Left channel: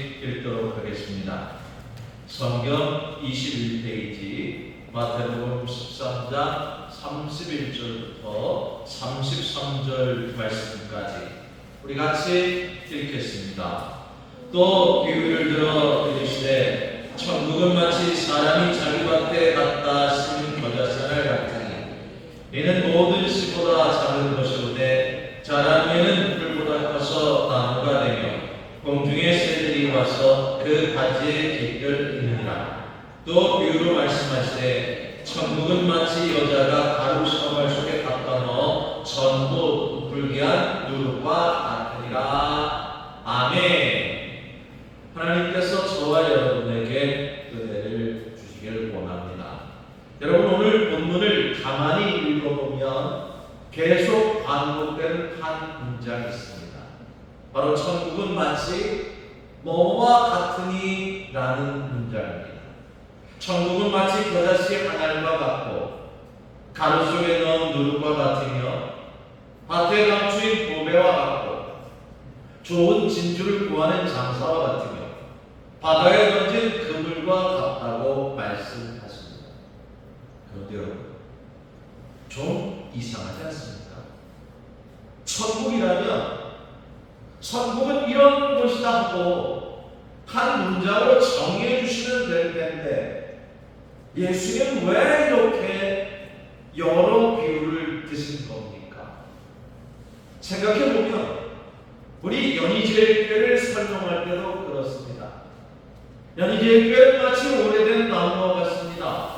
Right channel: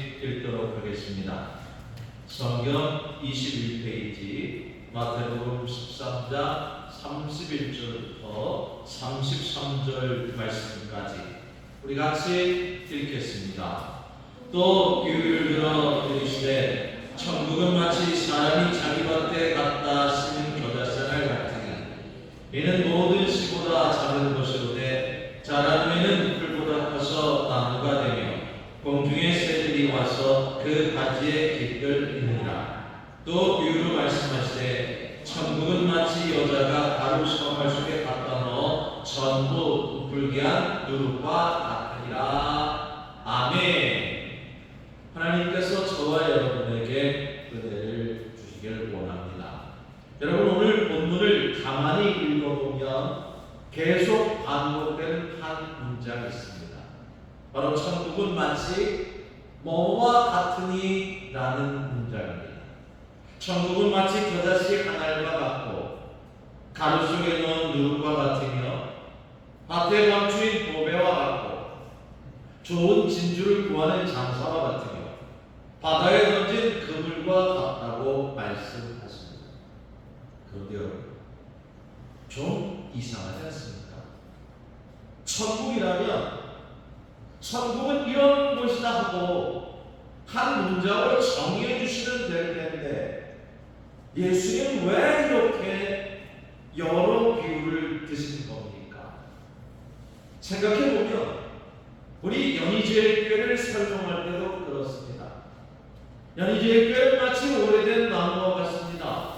읽도록 하겠습니다. 성경 21페이지 마태복음 13장 31절부터 33절 말씀까지 우리 같이 읽겠습니다. 또 비유를 들어 이르시되 천국은 마치 사람이 자기 밭에 갖다 심은 겨자씨를 같으니 이는 모든 씨보다 작은 것이로되 자란 후에는 풀보다 커서 나무가 되며 공중의 새들이 와서 그 가지에 깃들 있느니라. 또 비유로 말씀하시되 천국은 마치 여자가 가루 시커멀 속에 갖다 넣어 전부 부풀게 한 누룩과 같으니라. 아멘. 하나님께서 저와 여러분에게 은혜를 주시길 원합니다. 여러분, 오늘 본문을 가만히 읽어보면 계속 반복되는 한 문장이 있습니다. 바로 천국은 마치 뭐와 같으니 라는 문장입니다. 천국은 마치 겨자씨 하나과 같고 가루 속에 넣은 누룩과 같으며 밭에 감추인 보배와 같고 좋은 진주를 구하는 장사와 같으며 바다에 던진 그물과 같다고 말씀하십니다. 그런데 여러분, 좀 이상하지 않습니까? 천국은 이런 곳이다 하고 한 문장으로 정의해 주시면 될 텐데 예수님은 왜 이렇게 여러 비유를 드신 겁니까? 생각해보면 우리 연희제일교회를 설명할 때도 그렇습니다. 연희제일교회는 마치 오래된 나무와 같습니다.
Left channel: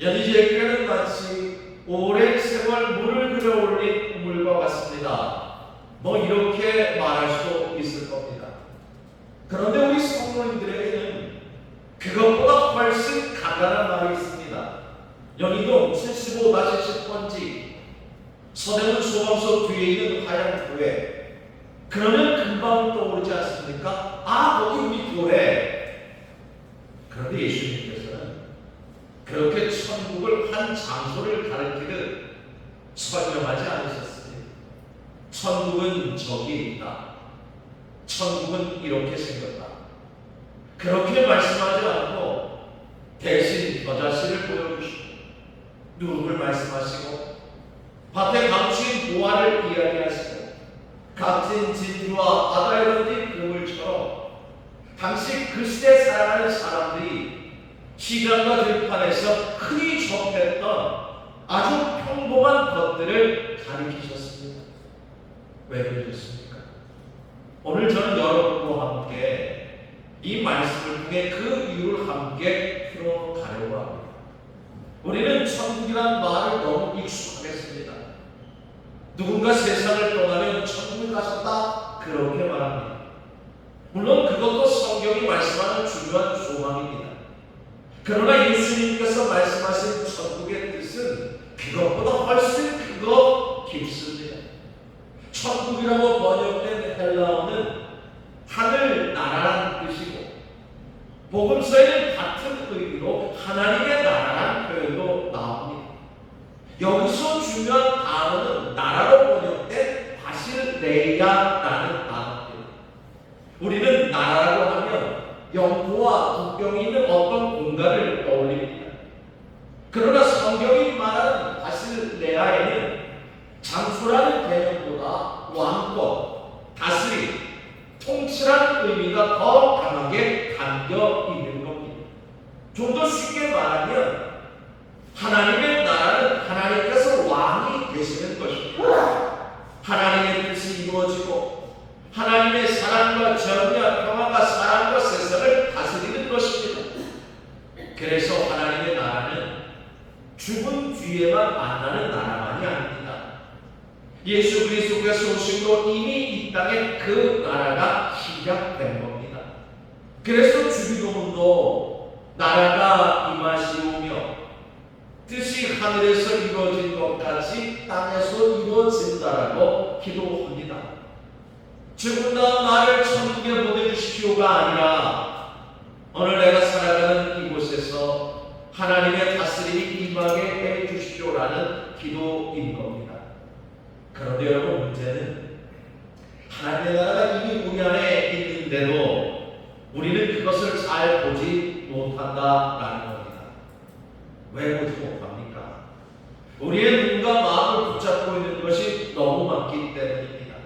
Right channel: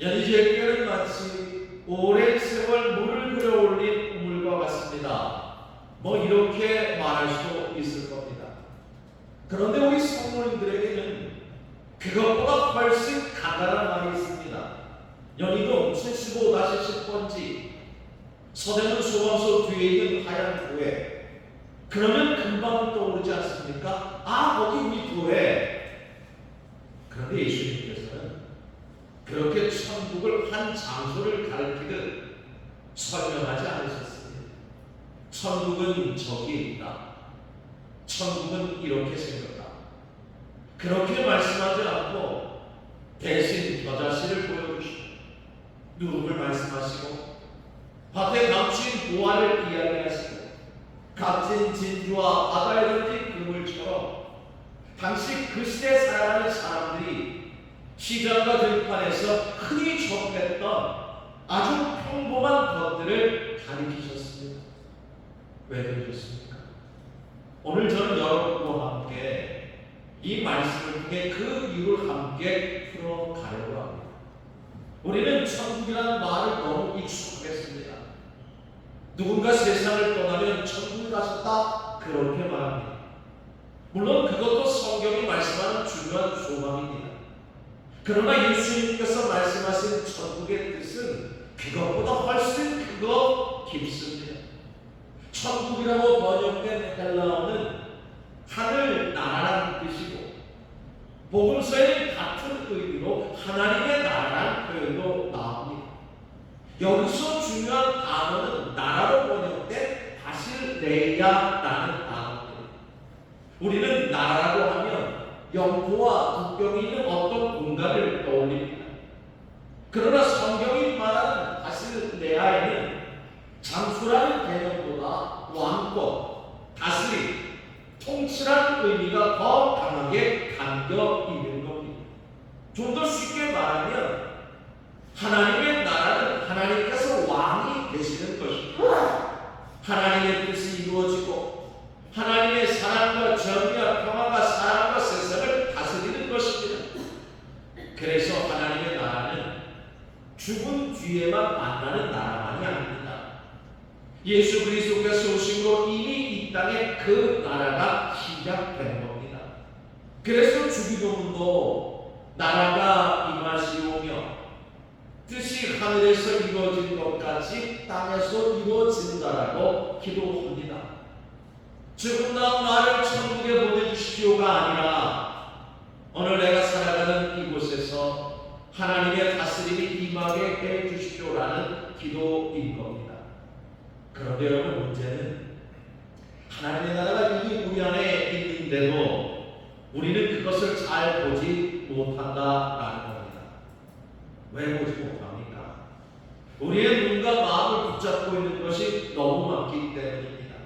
연희제일교회는 마치 오랜 세월 물을 끌어올린 우물과 같습니다. 이렇게 말할 수 있을 겁니다. 그런데 우리 성도님들에게는 그것보다 훨씬 간단한 말이 있습니다. 연희동 75-10번지 서대문 소방서 뒤에 있는 하얀 교회. 그러면 금방 떠오르지 않습니까? 거기 우리 교회. 그런데 예수님께서는 그렇게 천국을 한 장소를 가리키듯 설명하지 않으셨습니다. 천국은 저기 있다. 천국은 이렇게 생겼다. 그렇게 말씀하지 않고 대신 겨자씨를 보여주시고 누룩을 말씀하시고 밭에 감추인 보화를 이야기하시고 값진 진주와 바다에 던진 그물처럼 당시 그 시대에 살아가는 사람들이 시장과 들판에서 흔히 접했던 아주 평범한 것들을 가리키셨습니다. 왜 그러셨습니까? 오늘 저는 여러분과 함께 이 말씀을 통해 그 이유를 함께 풀어가려고 합니다. 우리는 천국이라는 말을 너무 익숙하겠습니다. 누군가 세상을 떠나면 천국 가셨다 그렇게 말합니다. 물론 그것도 성경이 말씀하는 중요한 소망입니다. 그러나 예수님께서 말씀하신 천국의 뜻은 그것보다 훨씬 크고 깊습니다. 천국이라고 번역된 헬라어는 하늘 나라라는 뜻이고 복음서에는 같은 의미로 하나님의 나라라는 표현도 나옵니다. 여기서 중요한 단어는 나라로 번역된 바실레이아라는 단어입니다. 우리는 나라라고 하면 영토와 국경이 있는 어떤 공간을 떠올립니다. 그러나 성경이 말하는 바실레아에는 장수라는 개념보다 왕권, 다스림, 통치라는 의미가 더 강하게 담겨 있는 겁니다. 좀 더 쉽게 말하면 하나님의 나라는 하나님께서 왕이 되시는 것입니다. 하나님의 뜻이 이루어지고 하나님의 사랑과 정의와 평화가 사람과 세상을 다스리는 것입니다. 그래서 하나님의 나라는 죽은 뒤에만 만나는 나라만이 아닙니다. 예수 그리스도께서 오심으로 이미 이 땅에 그 나라가 시작된 겁니다. 그래서 주기도문도 나라가 임하시오며 뜻이 하늘에서 이루어진 것 같이 땅에서 이루어진다라고 기도합니다. 죽은 다음 나를 천국에 보내주십시오가 아니라 오늘 내가 살아가는 이곳에서 하나님의 다스림이 임하게 해주십시오라는 기도인 겁니다. 그런데 여러분, 문제는 하나님의 나라가 이미 우리 안에 있는데도 우리는 그것을 잘 보지 못한다라는 겁니다. 왜 보지 못합니까? 우리의 눈과 마음을 붙잡고 있는 것이 너무 많기 때문입니다.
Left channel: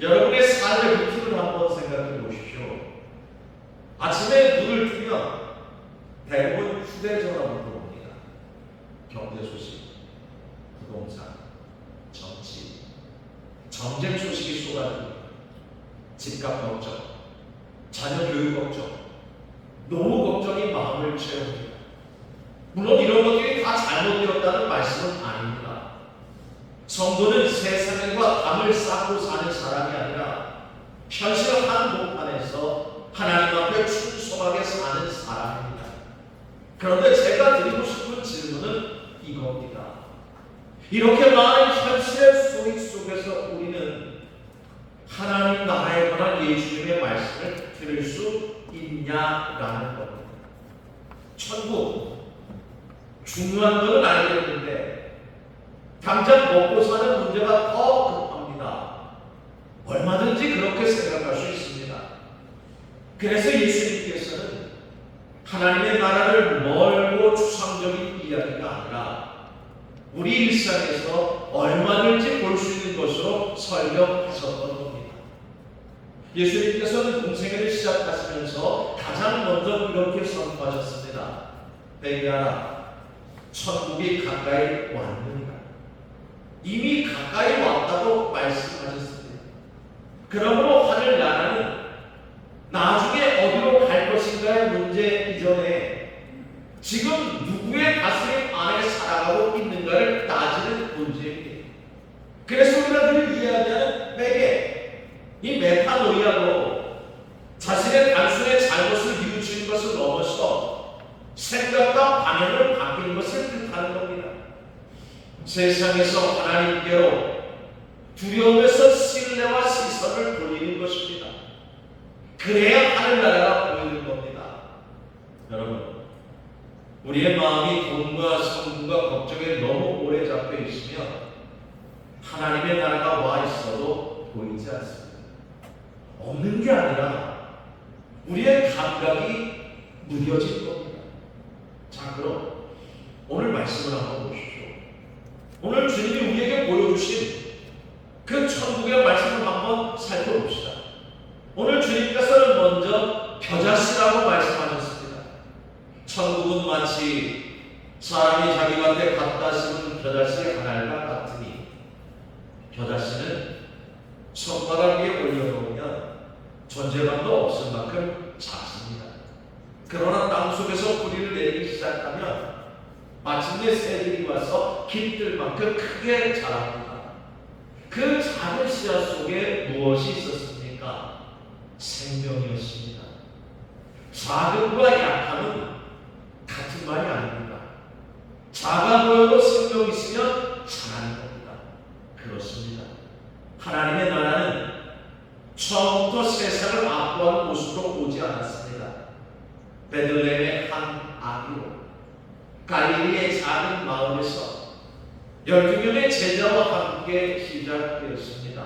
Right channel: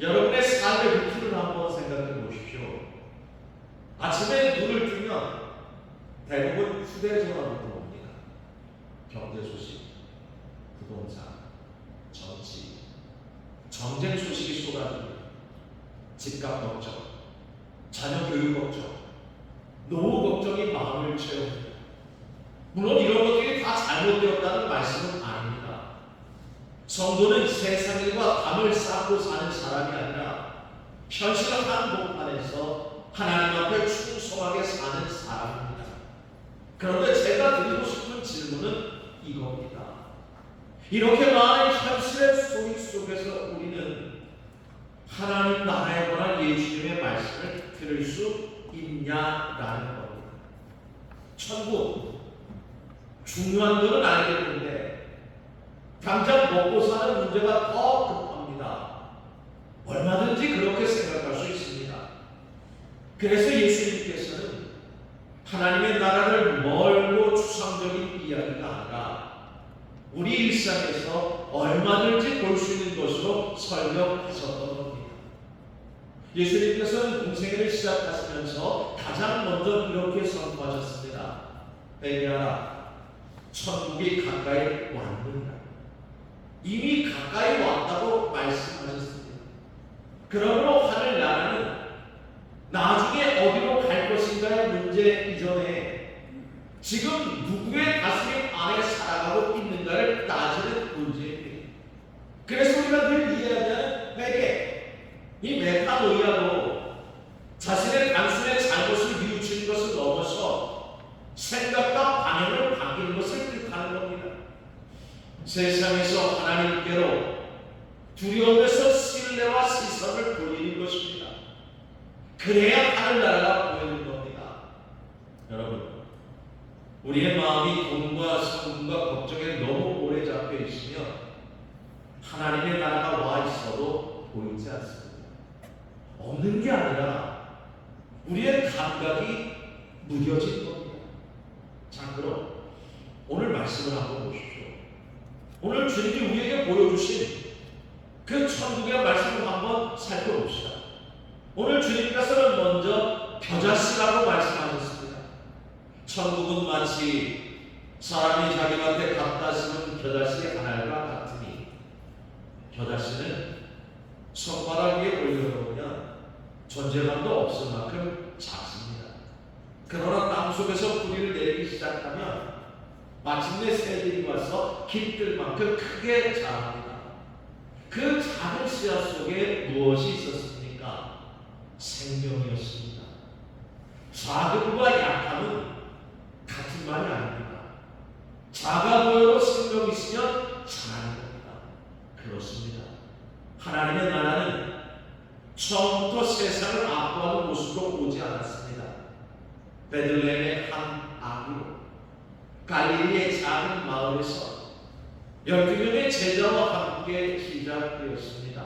여러분의 삶의 루틴을 한번 생각해 보십시오. 아침에 눈을 뜨면 대부분 휴대전화부터 옵니다. 경제 소식, 부동산, 정치, 전쟁 소식이 쏟아집니다. 집값 걱정, 자녀 교육 걱정, 노후 걱정이 마음을 채웁니다. 물론 이런 것들이 다 잘못되었다는 말씀은 아닙니다. 성도는 세상과 담을 쌓고 사는 사람이 아니라 현실 한복 안에서 하나님 앞에 충성하게 사는 사람입니다. 그런데 제가 드리고 싶은 질문은 이겁니다. 이렇게 많은 현실의 소리 속에서 우리는 하나님 나라에 관한 예수님의 말씀을 들을 수 있냐라는 겁니다. 천국 중요한 것은 알겠는데 당장 먹고 사는 문제가 더 급합니다. 얼마든지 그렇게 생각할 수 있습니다. 그래서 예수님께서는 하나님의 나라를 멀고 추상적인 이야기가 아니라 우리 일상에서 얼마든지 볼 수 있는 것으로 설명하셨던 겁니다. 예수님께서는 공생애를 시작하시면서 가장 먼저 이렇게 선포하셨습니다. 베드로야, 천국이 가까이 왔느니라. 이미 가까이 왔다고 말씀하셨습니다. 그러므로 하늘 나라는 나중에 어디로 갈 것인가의 문제 이전에 지금 누구의 다스림 안에 살아가고 있는가를 따지는 문제입니다. 그래서 우리가 늘 이야기하는 회개, 이 메타노이아로 자신의 단순의 잘못을 뉘우치는 것을 넘어서 생각과 방향을 바뀌는 것을 뜻하는 겁니다. 세상에서 하나님께로 두려움에서 신뢰와 시선을 돌리는 것입니다. 그래야 하늘나라가 보이는 겁니다. 여러분, 우리의 마음이 돈과 성공과 걱정에 너무 오래 잡혀 있으면 하나님의 나라가 와 있어도 보이지 않습니다. 없는 게 아니라 우리의 감각이 무뎌진 겁니다. 자, 그럼 오늘 말씀을 한번 보십시오. 오늘 주님이 우리에게 보여주신 그 천국의 말씀을 한번 살펴봅시다. 오늘 주님께서는 먼저 겨자씨라고 말씀하셨습니다. 천국은 마치 사람이 자기 밭에 갖다 심은 겨자씨 하나가 같으니, 겨자씨는 손바닥 위에 올려놓으면 존재감도 없을 만큼 작습니다. 그러나 땅속에서 뿌리를 내리기 시작하면 마침내 새들이 와서 깃들 만큼 크게 자랍니다. 그 작은 씨앗 속에 무엇이 있었습니까? 생명이었습니다. 작음과 약함은 같은 말이 아닙니다. 작아 보여도 생명이 있으면 잘하는 겁니다. 그렇습니다. 하나님의 나라는 처음부터 세상을 압도하는 모습으로 오지 않았습니다. 베들레헴의 한 아기로 갈릴리의 작은 마을에서 12명의 제자와 함께 시작되었습니다.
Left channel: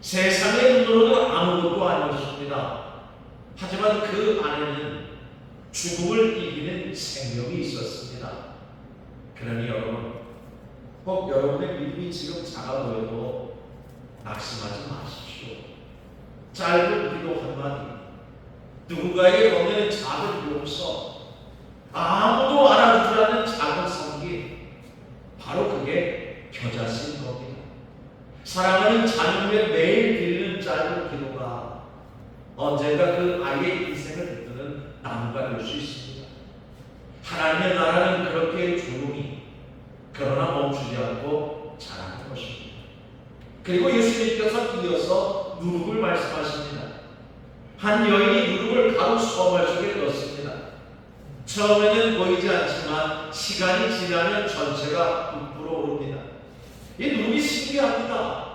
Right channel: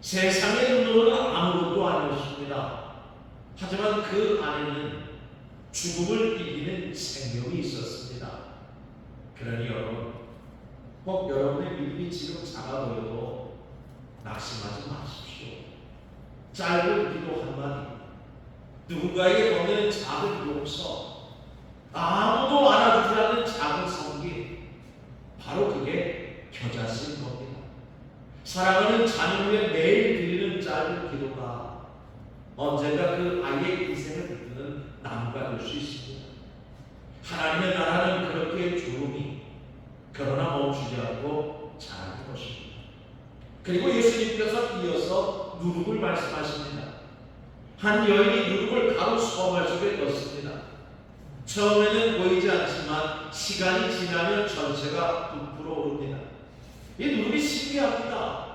세상의 눈으로는 아무것도 아니었습니다. 하지만 그 안에는 죽음을 이기는 생명이 있었습니다. 그러니 여러분, 혹 여러분의 믿음이 지금 작아 보여도 낙심하지 마십시오. 짧은 기도 한마디, 누군가에게 건네는 작은 용서, 아무도 알아주지 않는 작은 성기, 바로 그게 겨자씨인 겁니다. 사랑하는 자녀의 매일 드리는 짧은 기도가 언젠가 그 아이의 인생을 이끄는 나무가 될 수 있습니다. 하나님의 나라는 그렇게 조용히 그러나 멈추지 않고 자라는 것입니다. 그리고 예수님께서 이어서 누룩을 말씀하십니다. 한 여인이 누룩을 가루 수거말 속에 넣습니다. 처음에는 보이지 않지만 시간이 지나면 전체가 부풀어 오릅니다. 이 누룩이 신기합니다.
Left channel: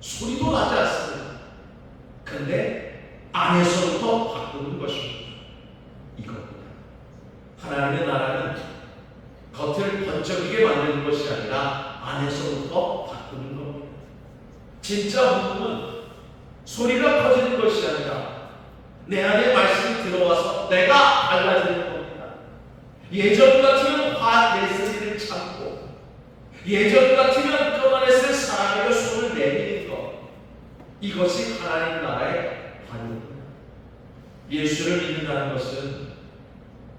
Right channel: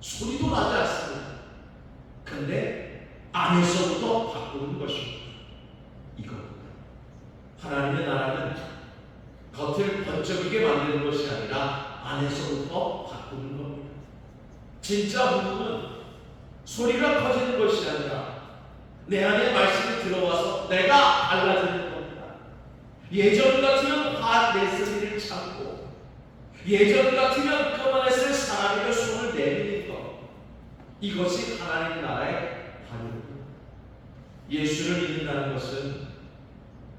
소리도 나지 않습니다. 근데 안에서부터 바꾸는 것입니다. 이겁니다. 하나님의 나라는 겉을 번쩍이게 만드는 것이 아니라 안에서부터 바꾸는 겁니다. 진짜 복음은 소리가 커지는 것이 아니라 내 안에 말씀이 들어와서 내가 달라지는 겁니다. 예전 같으면 화내스를 참고, 예전 같으면 끄만했을 사람에게 손을 내미는 것, 이것이 하나님 나라의 관입니다. 예수를 믿는다는 것은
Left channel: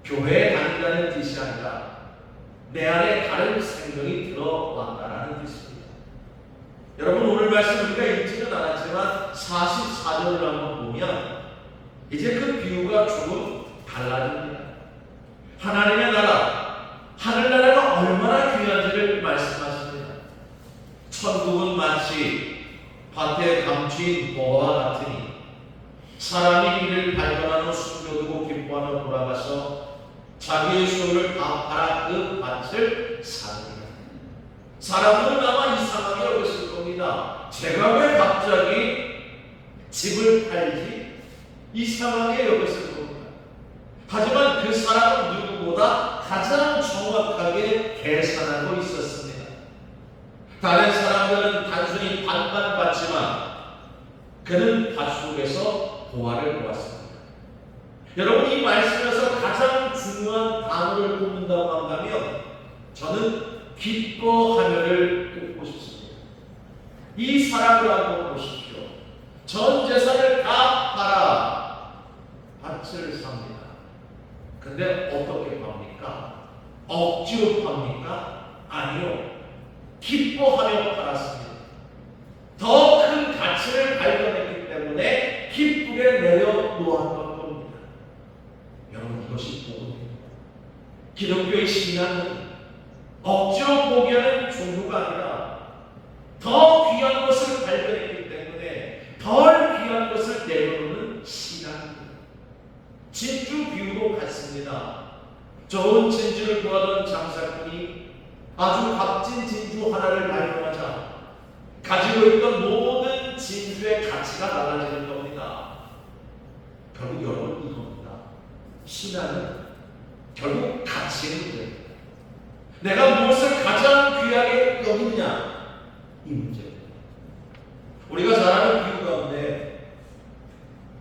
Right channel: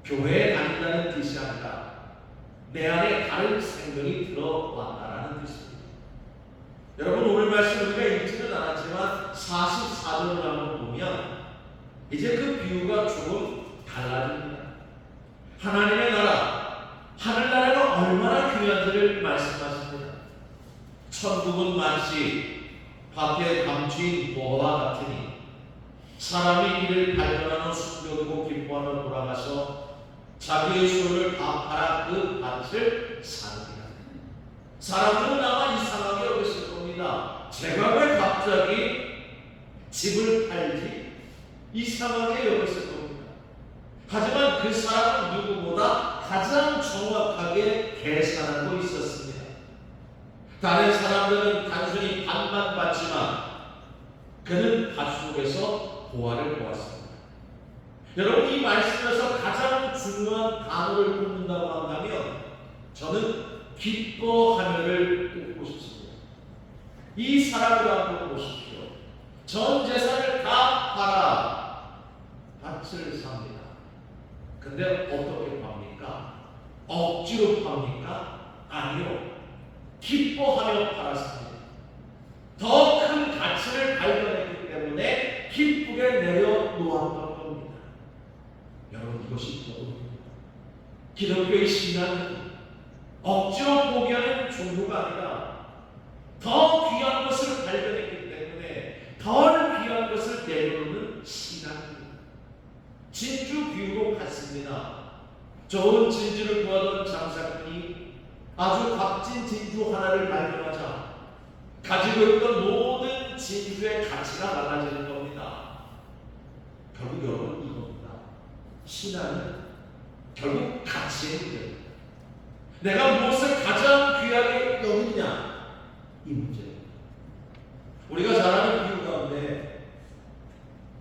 교회에 다닌다는 뜻이 아니라 내 안에 다른 생명이 들어왔다는 뜻입니다. 여러분, 오늘 말씀 우리가 읽지는 않았지만 44절을 한번 보면 이제 그 비유가 조금 달라집니다. 하나님의 나라, 하늘나라가 얼마나 귀한지를 말씀하십니다. 천국은 마치 밭에 감추인 보화와 같으니 사람이 이를 발견하며 숨겨두고 기뻐하며 돌아가서 자기의 소유를 다 팔아 그 밭을 사느니라. 사람들은 아마 이상하게 여겼을 겁니다. 제가 왜 갑자기 집을 팔지? 이상하게 여겼을 겁니다. 하지만 그 사람은 누구보다 가장 정확하게 계산하고 있었습니다. 다른 사람들은 단순히 밭만 봤지만 그는 밭 속에서 보화를 보았습니다. 여러분, 이 말씀에서 가장 중요한 단어를 꼽는다고 한다면 저는 기뻐하며를 꼽고 싶습니다. 이 사람을 한번 보십시오. 전 재산을 다 팔아 밭을 삽니다. 근데 어떻게 팝니까? 억지로 팝니까? 아니요. 기뻐하며 팔았습니다. 더 큰 가치를 발견했기 때문에 기쁘게 내려놓았던 겁니다. 여러분, 이것이 복음입니다. 기독교의 신앙은 억지로 포기하는 종교가 아니라 더 귀한 것을 발견했기 때문에 덜 귀한 것을 내려놓는 신앙입니다. 진주 비유도 같습니다. 좋은 진주를 구하던 장사꾼이 아주 값진 진주 하나를 발견하자 가지고 있던 모든 진주의 가치가 달라지는 겁니다. 결국 여러분, 이겁니다. 신앙은 결국 가치의 문제입니다. 내가 무엇을 가장 귀하게 여기느냐, 이 문제입니다. 우리가 잘 아는 비유 가운데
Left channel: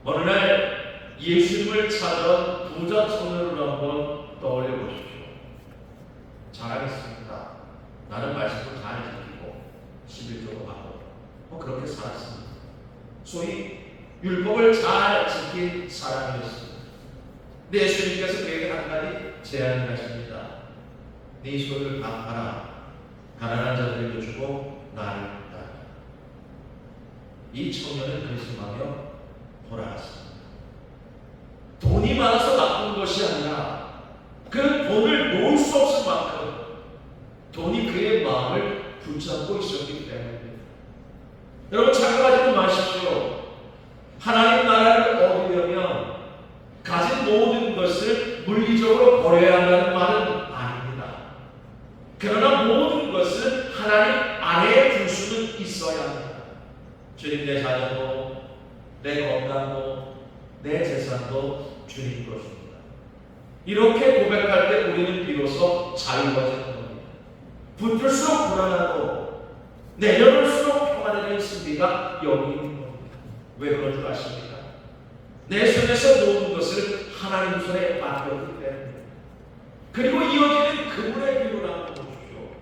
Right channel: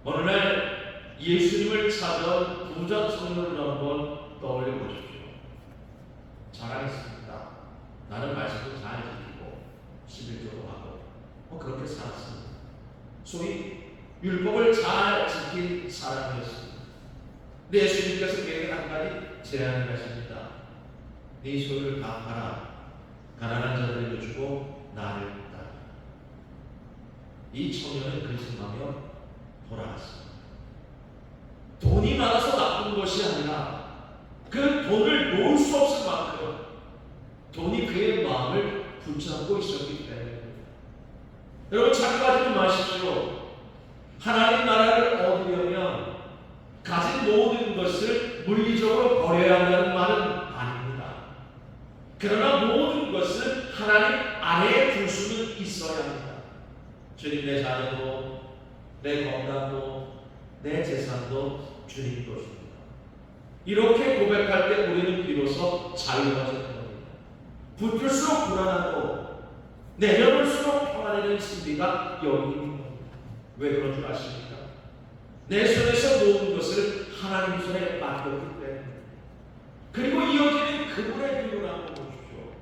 어느 날 예수님을 찾아온 부자 소녀를 한번 떠올려 보십시오. 잘하겠습니다. 나는 말씀을 잘 지키고 11조도 하고 그렇게 살았습니다. 소위 율법을 잘 지킨 사람이었습니다. 근데 예수님께서 그에게 한 가지 제안을 하십니다. 네 소유를 다 팔아 가난한 자들에게 주고 나를 따라. 이 청년은 근심하며 돌아왔습니다. 돈이 많아서 나쁜 것이 아니라 그 돈을 놓을 수 없을 만큼 돈이 그의 마음을 붙잡고 있었기 때문입니다. 여러분, 착각하지 마십시오. 하나님 나라를 얻으려면 가진 모든 것을 물리적으로 버려야 한다는 말은 아닙니다. 그러나 모든 것을 하나님 아래에 둘 수는 있어야 합니다. 주님, 내 자녀도, 내 건강도, 내 재산도 주님 것입니다. 이렇게 고백할 때 우리는 비로소 자유로워지는 겁니다. 붙을수록 불안하고 내려놓을수록 평안해지는 심리가 여기 있는 겁니다. 왜 그런 줄 아십니까? 내 손에서 놓은 것을 하나님 손에 맡겼기 때문에. 그리고 이어지는 그분의 비유를 한번 보십시오.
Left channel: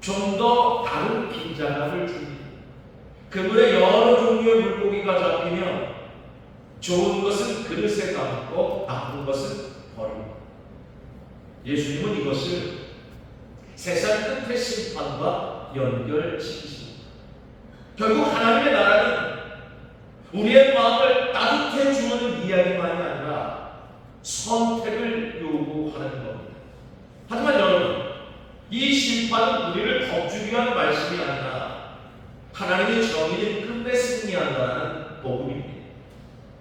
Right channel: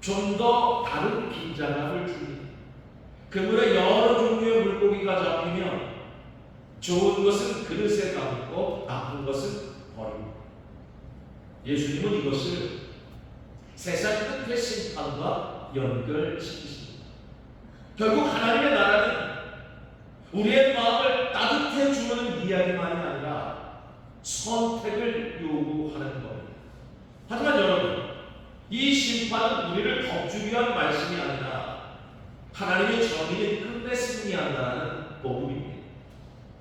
좀 더 다른 긴장감을 줍니다. 그물에 여러 종류의 물고기가 잡히면 좋은 것은 그릇에 담고 나쁜 것은 버립니다. 예수님은 이것을 세상 끝의 심판과 연결시키십니다. 결국 하나님의 나라는 우리의 마음을 따뜻해 주는 이야기만이 아니라 선택을 요구하는 겁니다. 하지만 여러분, 이 심판은 우리를 겁주기 위한 말씀이 아니라 하나님의 정의는 끝내 승리한다는 복음입니다.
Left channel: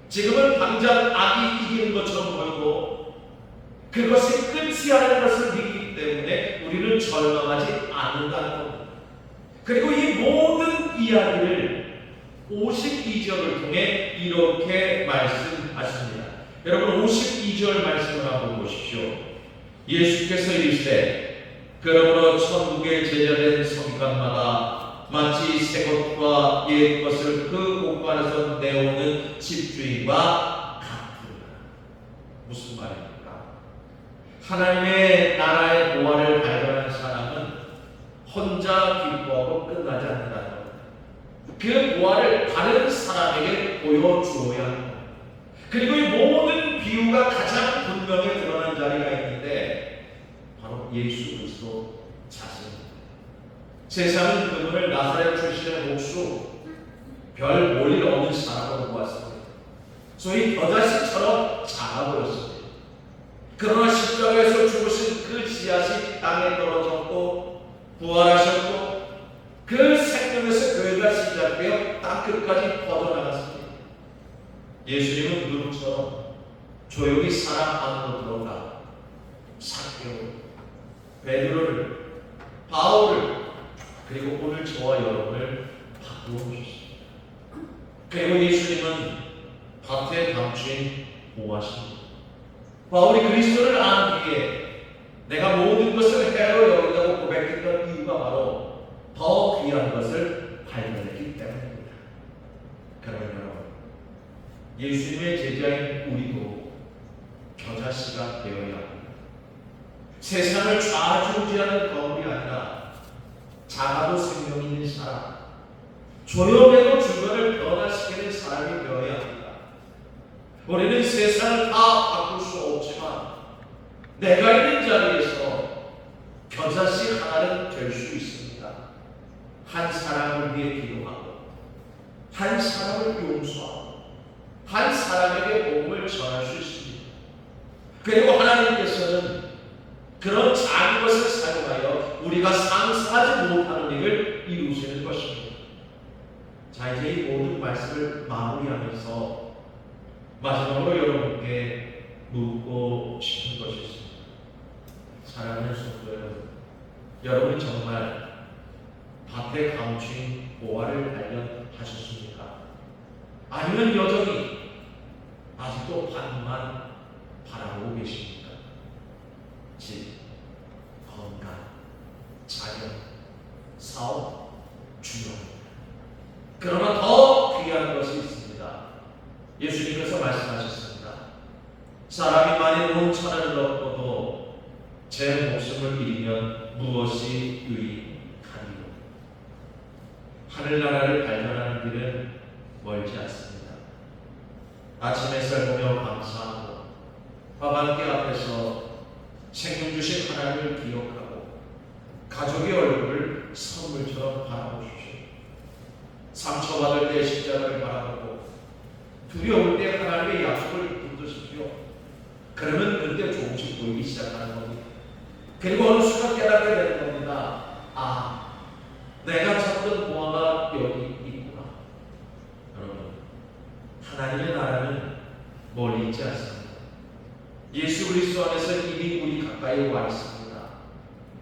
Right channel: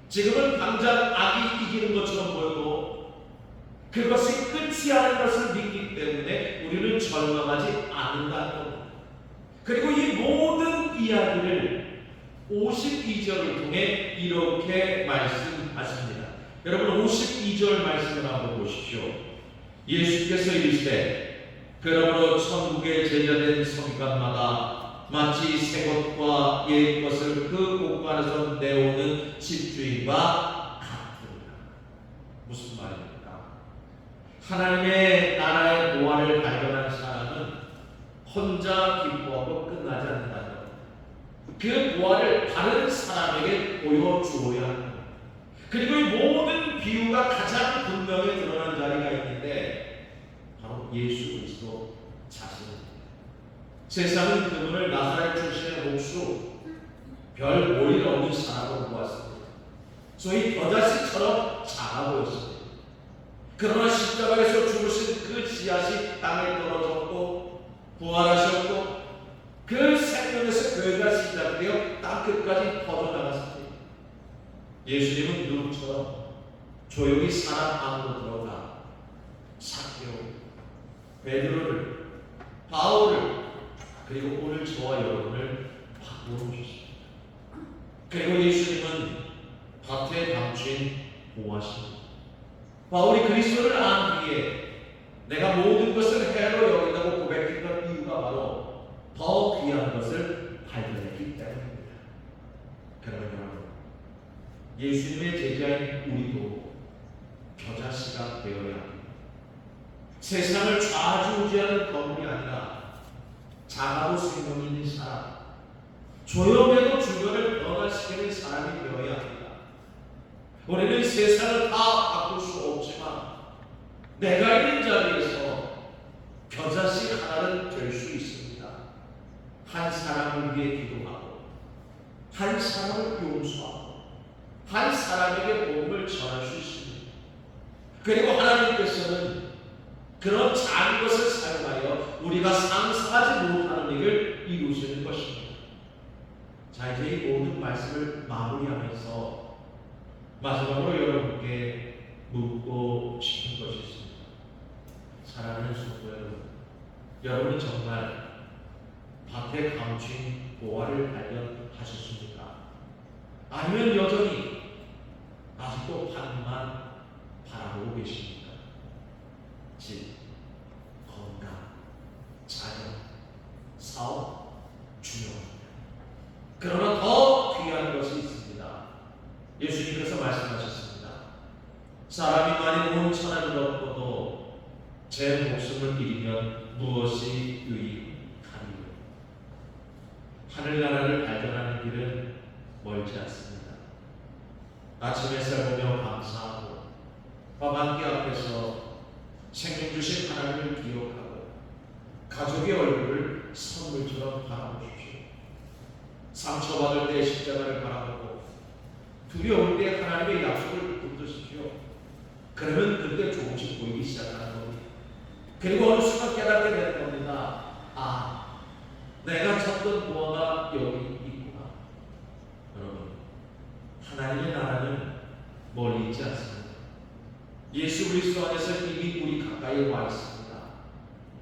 지금은 당장 악이 이기는 것처럼 보여도 그것이 끝이 아닌 것을 믿기 때문에 우리는 절망하지 않는다는 겁니다. 그리고 이 모든 이야기를 52절을 통해 이렇게 말씀하십니다. 여러분, 52절 말씀을 한번 보십시오. 예수께서 이르시되 그러므로 천국의 제자된 성간마다 마치 새 것과 옛 것을 그 곳간에서 내오는 집주인과 같으리라. 무슨 말입니까? 하나님의 나라의 보화를 발견한 사람은 혼자 기뻐하고 끝나지 않는다는 것. 그 보화를 다른 사람에게 보여주어야 하는 것. 그리고 이 모든 비유가 가장 분명히 드러난 자리가 있는데 바로 예수 그리스도 자신입니다. 세상은 그분을 나사렛 출신의 목수, 별 볼일 없는 사람으로 보았습니다. 소위 겨자씨처럼 작아 보였습니다. 그러나 십자가에서 죽으신 그 씨앗이 땅에 떨어졌고 부활하셨고 그 생명에서 교회가 시작되어 땅끝까지 퍼져나갔습니다. 예수님은 누구처럼 조용히 사람 안으로 들어가 사개오, 베드로를, 바울을, 그리고 오늘 저와 여러분을 바꾸어 주십니다. 그리고 예수님은 밭에 감추인 보화십니다. 바울이 그리스도를 안 뒤에 내가 모든 것을 해로 여긴다고 고백했던 이유가 바로 더 귀한 것을 발견했기 때문입니다. 그러면 여러분, 예수님의 제자인 우리도 겨자씨가 되어야 합니다. 세상을 좌지우지하는 건물이 아니라 작아도 생명 있는 사람, 조용해도 주변을 변화시키는 사람이 되어야 합니다. 우리는 세상을 다 바꿀 수 없지만 내가 있는 자리에서 겨자씨 하나는 될 수 있습니다. 한 사람을 위해 기도하고 한 사람을 용서하고 한 사람에게 복음을 전할 수 있습니다. 그리고 하나님께서는 그런 작은 것을 사용하여 우리가 상상하지 못하는 일을 이루시는 것입니다. 자, 이제 이 모든 말씀을 마무리하면서 마지막으로 여러분께 묻고 싶은 것이 있습니다. 사랑하는 성도 여러분, 여러분 정말 밭에 감춘 보화를 발견하셨습니까? 아니면 여전히 아직도 밭만 바라보고 계십니까? 집, 건강, 자녀, 사업, 중요합니다. 그러나 더 귀한 것이 있습니다. 예수님께서 말씀하셨습니다. 사람이 많이 놓은 천하를 얻고도 제 목숨을 잃으면 무엇이 유익하리요? 하늘나라를 발견하는 길은 멀지 않습니다. 아침 햇살 보며 감사하고 밥 한 끼 앞에서 생명 주신 하나님을 기억하고 가족의 얼굴을 선물처럼 바라보십시오. 상처받을 때 십자가를 바라보고 두려울 때 하나님의 약속을 붙드십시오. 그러면 그때 조금씩 보이기 시작하는 겁니다. 그리고 어느 순간 깨닫게 되는 겁니다. 아, 내가 찾던 보화가 여기 있구나. 여러분, 하나님의 나라는 멀리 있지 않습니다. 예수 그리스도 안에서 이미 우리 가까이 와 있습니다.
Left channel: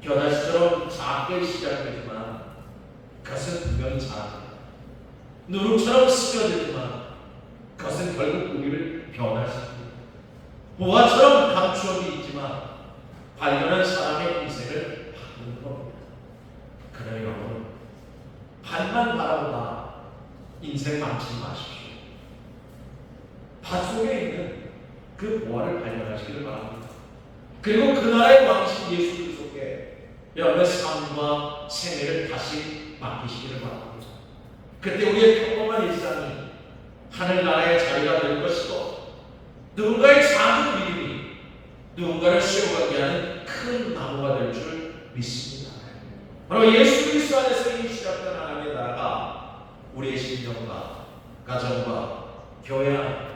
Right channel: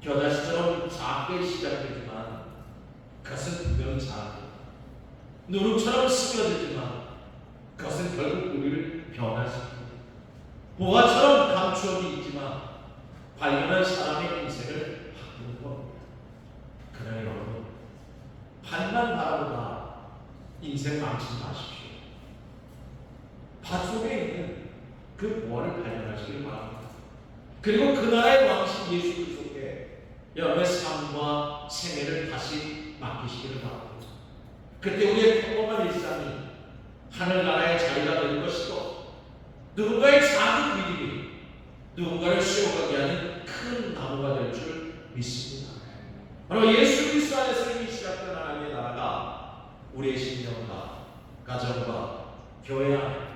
겨자씨처럼 작게 시작되지만 그것은 분명히 작습니다. 누룩처럼 스며들지만 그것은 결국 우리를 변화시킵니다. 보화처럼 감추어져 있지만 발견한 사람의 인생을 바꾸는 겁니다. 그러나 여러분, 밭만 바라보다 인생 망치지 마십시오. 밭 속에 있는 그 보화를 발견하시기를 바랍니다. 그리고 그 나라의 왕신 예수 그리스도께 여러분의 삶과 생애를 다시 맡기시기를 바랍니다. 그때 우리의 평범한 일상이 하늘나라의 자리가 될 것이고 누군가의 작은 믿음이 누군가를 세워가게 하는 큰 나무가 될 줄 믿습니다. 바로 예수 그리스도 안에서 이미 시작된 하나님의 나라가 우리의 신령과 가정과 교회 안에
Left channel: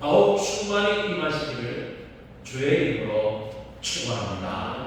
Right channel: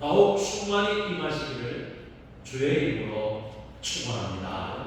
더욱 충만히 임하시기를 주의 이름으로 축원합니다.